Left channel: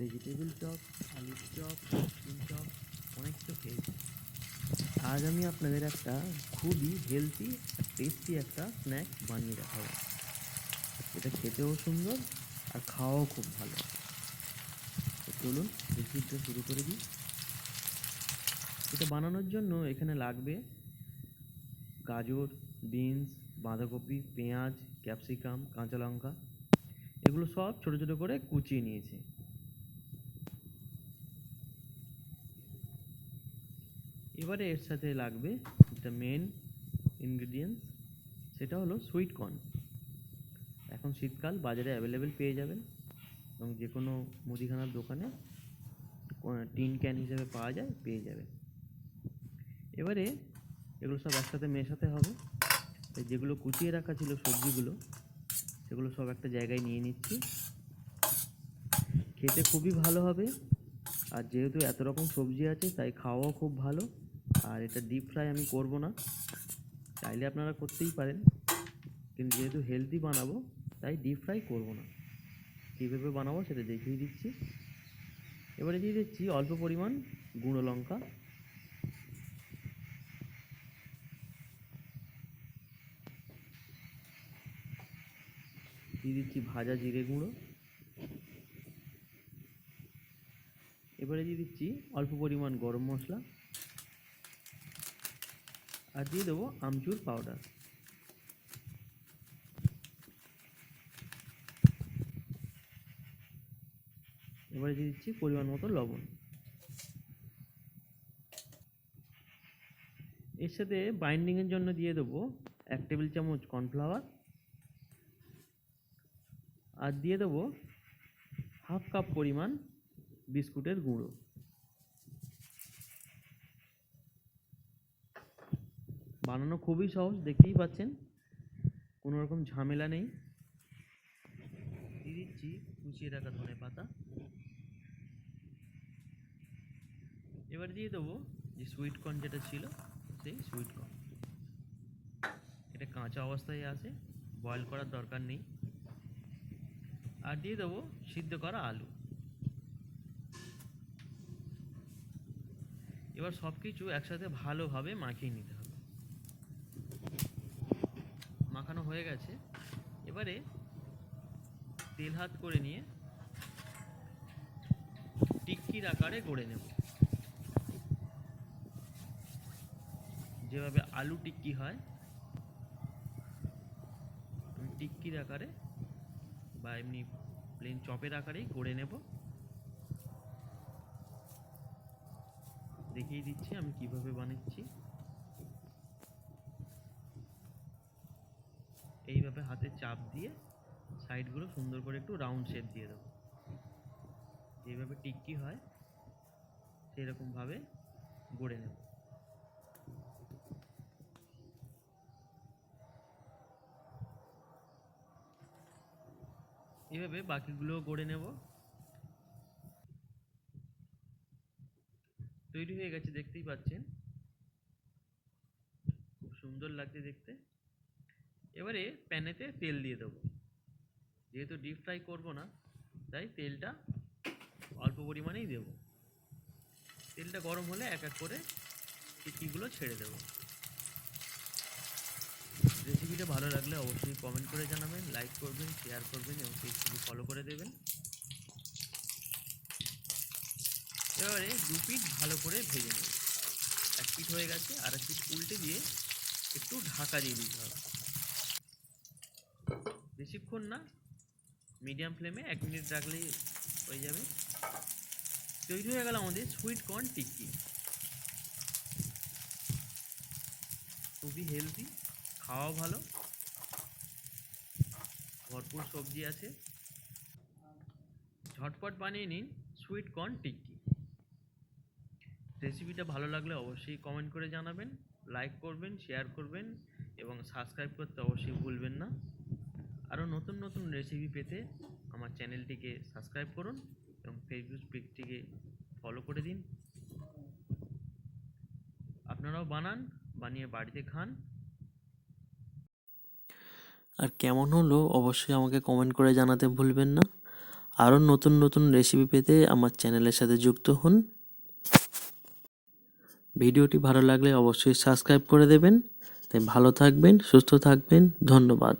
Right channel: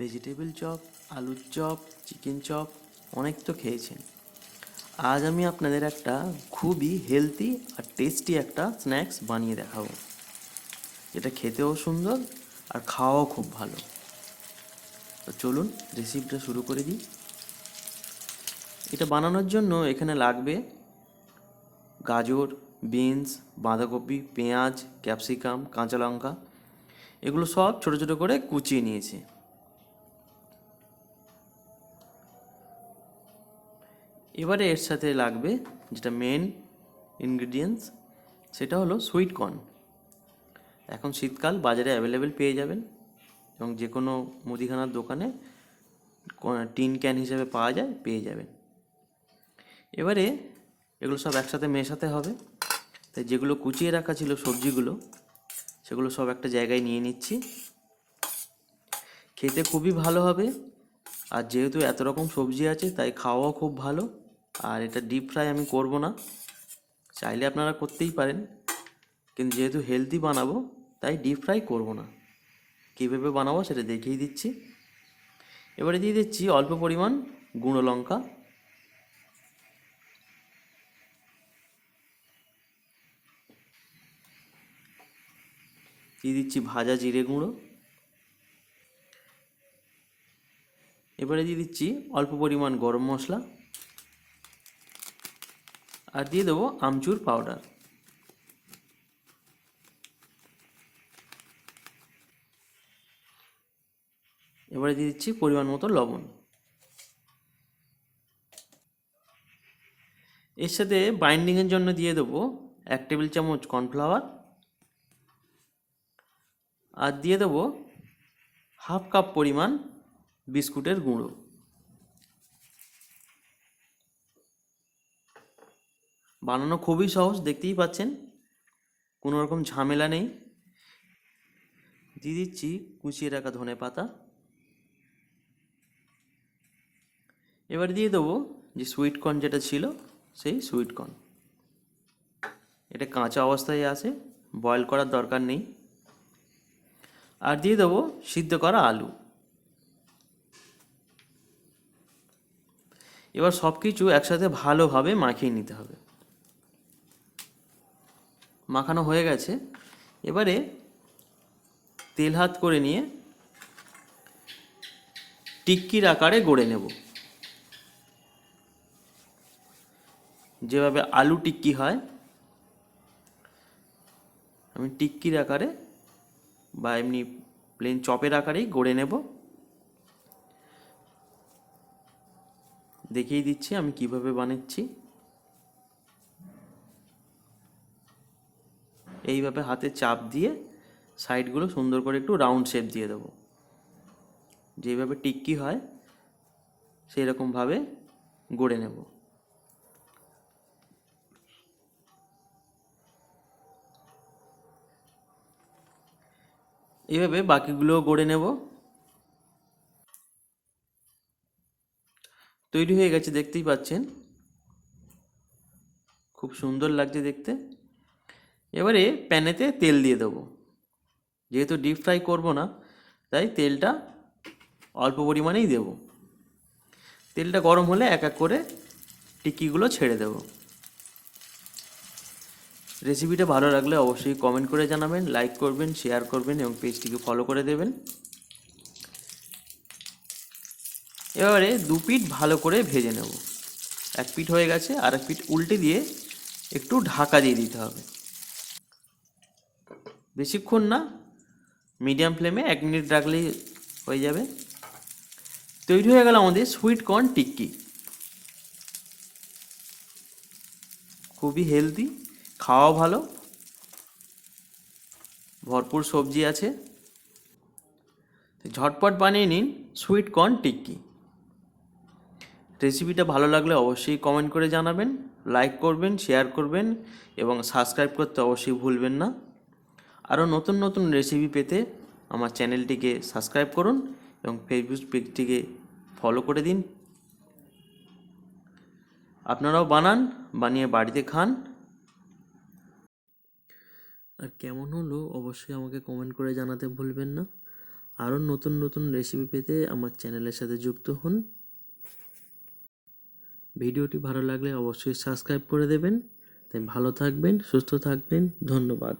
Vegetable chop, আলুর chop, chicken chop অনেক তো খেয়েছেন। আজ আমি আপনাদের একটা খুবই হেলদি আর টেস্টি একটা স্ন্যাক্স বানিয়ে দেখাবো। এটা খেতেও সুন্দর আর খাওয়াও খুব ভালো। তো চলুন রেসিপিটা শুরু করে দিই। এটা বানানোর জন্য এখানে লাগবে গাজর, বিনস, বাঁধাকপি, পেঁয়াজ, ক্যাপসিকাম, কাঁচা লঙ্কা। এগুলো সব ছোটো ছোটো করে কুচিয়ে নিয়েছি। এবারে এর সাথে লাগবে যেটা মেন ইনগ্রিডিয়েন্টস, সেটা হলো সুইট কর্ন। এখন শীতকাল, বাজারে অ্যাভেলেবেল পেয়ে যাবেন এবং যে কোনো মুদিখানার দোকানে টিন ক্যান হিসেবে পাওয়া যায়, পেয়ে যাবেন। এবারে এগুলো সব একসাথে মেশাতে হবে। তাই যেগুলো কুচিয়ে রাখা ছিল সবজিগুলো, সেগুলো সব একটা জায়গায় নিয়ে নিচ্ছি। খেতে খুবই ভালো হবে, আর যেহেতু এত রকম সবজি আছে তাই খাওয়াও খুব ভালো। আর এটা ডিপ ফ্রাই আমি করব না, চাইলে আপনারা করতেই পারেন, কিন্তু যেহেতু হেলদি বানাবো তাই ডিপ ফ্রাই করব না। কীভাবে বানাবো সেটা দেখিয়ে দিচ্ছি। এবারে দিয়ে দিচ্ছি অল্প পরিমাণ গুঁড়ো লঙ্কা, দিয়ে দিচ্ছি ভাজা জিরে গুঁড়ো, এবারে দিয়ে দিচ্ছি অল্প পরিমাণ গরম মশলা, আর দিয়ে দেবো আমচুর পাউডার। এবারে দিয়ে দিচ্ছি পরিমাণ মতো লবণ। এর সাথে বাইন্ডিংয়ের জন্য দিয়ে দেবো 1 টেবিল চামচ কর্নফ্লাওয়ার, আর দিয়ে দেবো হাফ কাপ পরিমাণ বিস্কুটের গুঁড়ো। বানানো খুবই সহজ, দেখতেই পাচ্ছেন, কোনো রকম ঝামেলা নেই। দিয়ে দিচ্ছি কুচিয়ে রাখা ধনে পাতা। এবার দিয়ে দেবো যে সুইট কর্ন যেটা ছিল, সেই সুইট কর্ন। এটা কাঁচা অবস্থায় আছে, বয়েল করার দরকার নেই। আর দিয়ে দেবো সিদ্ধ করা আলু। এবার সব কিছু একসাথে ভালোভাবে মাখিয়ে নিতে হবে। মাখানো হয়ে গেছে। এবারে তেল হাত করে নিয়ে টিক্কির আকারে গড়ে নেব। যেভাবে আলু টিক্কি হয়, আমি টিক্কির আকারে বা এমনি প্লেন চপের আকারেই গড়ে নেব। দেখিয়ে দিচ্ছি আমি কিভাবে বানাচ্ছি। এইভাবে হাতে চাপ দিয়ে সাইডগুলো সুন্দর করে একটু রাউন্ড শেপ দিয়ে দেবো। যেভাবে টিক্কি হয় সেই রকমভাবে গড়ে নেব। এইভাবে বাকিগুলোও গড়ে নেব। তৈরি হয়ে গেছে, দেখতেই পাচ্ছেন, খুব সুন্দর লাগছে দেখতে। এবারে প্যানেতে তেল দিয়ে দেবো। যেহেতু ডিপ ফ্রাই করব না, তাই তেলটা অল্প পরিমাণেই দেব। তেলটা গরম হলে এক এক করে টিক্কিগুলো ছেড়ে দেব। রেসিপিটা ভালো লাগলে অবশ্যই কমেন্ট করে জানাবেন, লাইক করবেন, শেয়ার করবেন এবং পেজটিকে ফলো করে দেবেন। এবারে দু পিঠ ভালো করে ভেজে নেব। এক পিঠ হয়ে গেছে, আর এক পিঠ উল্টে দিয়ে একটু ঢাকা দিয়ে দিতে হবে। বেশিক্ষণ না, মিডিয়াম ফ্লেমে 1 মিনিট রাখলেই হয়ে যাবে। তৈরি হয়ে গেল আমাদের সুইট কর্ন টিক্কি। খুবই হেলদি, খাওয়া ভালো, ভরপুর সবজি আছে। ঝটপট বানিয়ে নিন সুইট কর্ন টিক্কি। রেসিপিটা ভালো লাগলে অবশ্যই কমেন্ট করে জানাবেন, লাইক করবেন, শেয়ার করবেন এবং সাবস্ক্রাইব করতে অবশ্যই ভুলবেন না। আরও নতুন নতুন রেসিপি পেতে আমার চ্যানেলটিকে সাবস্ক্রাইব করুন এবং ফেসবুক পেজটিকে ফলো করে দিন। আপনারাও বানান, বানিয়ে বাড়িতে খান। আর কেমন হলো অবশ্যই আমাকে কমেন্ট করে জানাতে ভুলবেন না। আরও নতুন নতুন রেসিপি পেতে আমার চ্যানেলের সাথে যুক্ত হন। ভিডিওটি ভালো লাগলে অবশ্যই সাবস্ক্রাইব করে দেবেন। তাই ভালো থাকবেন, সুস্থ থাকবেন। ধন্যবাদ।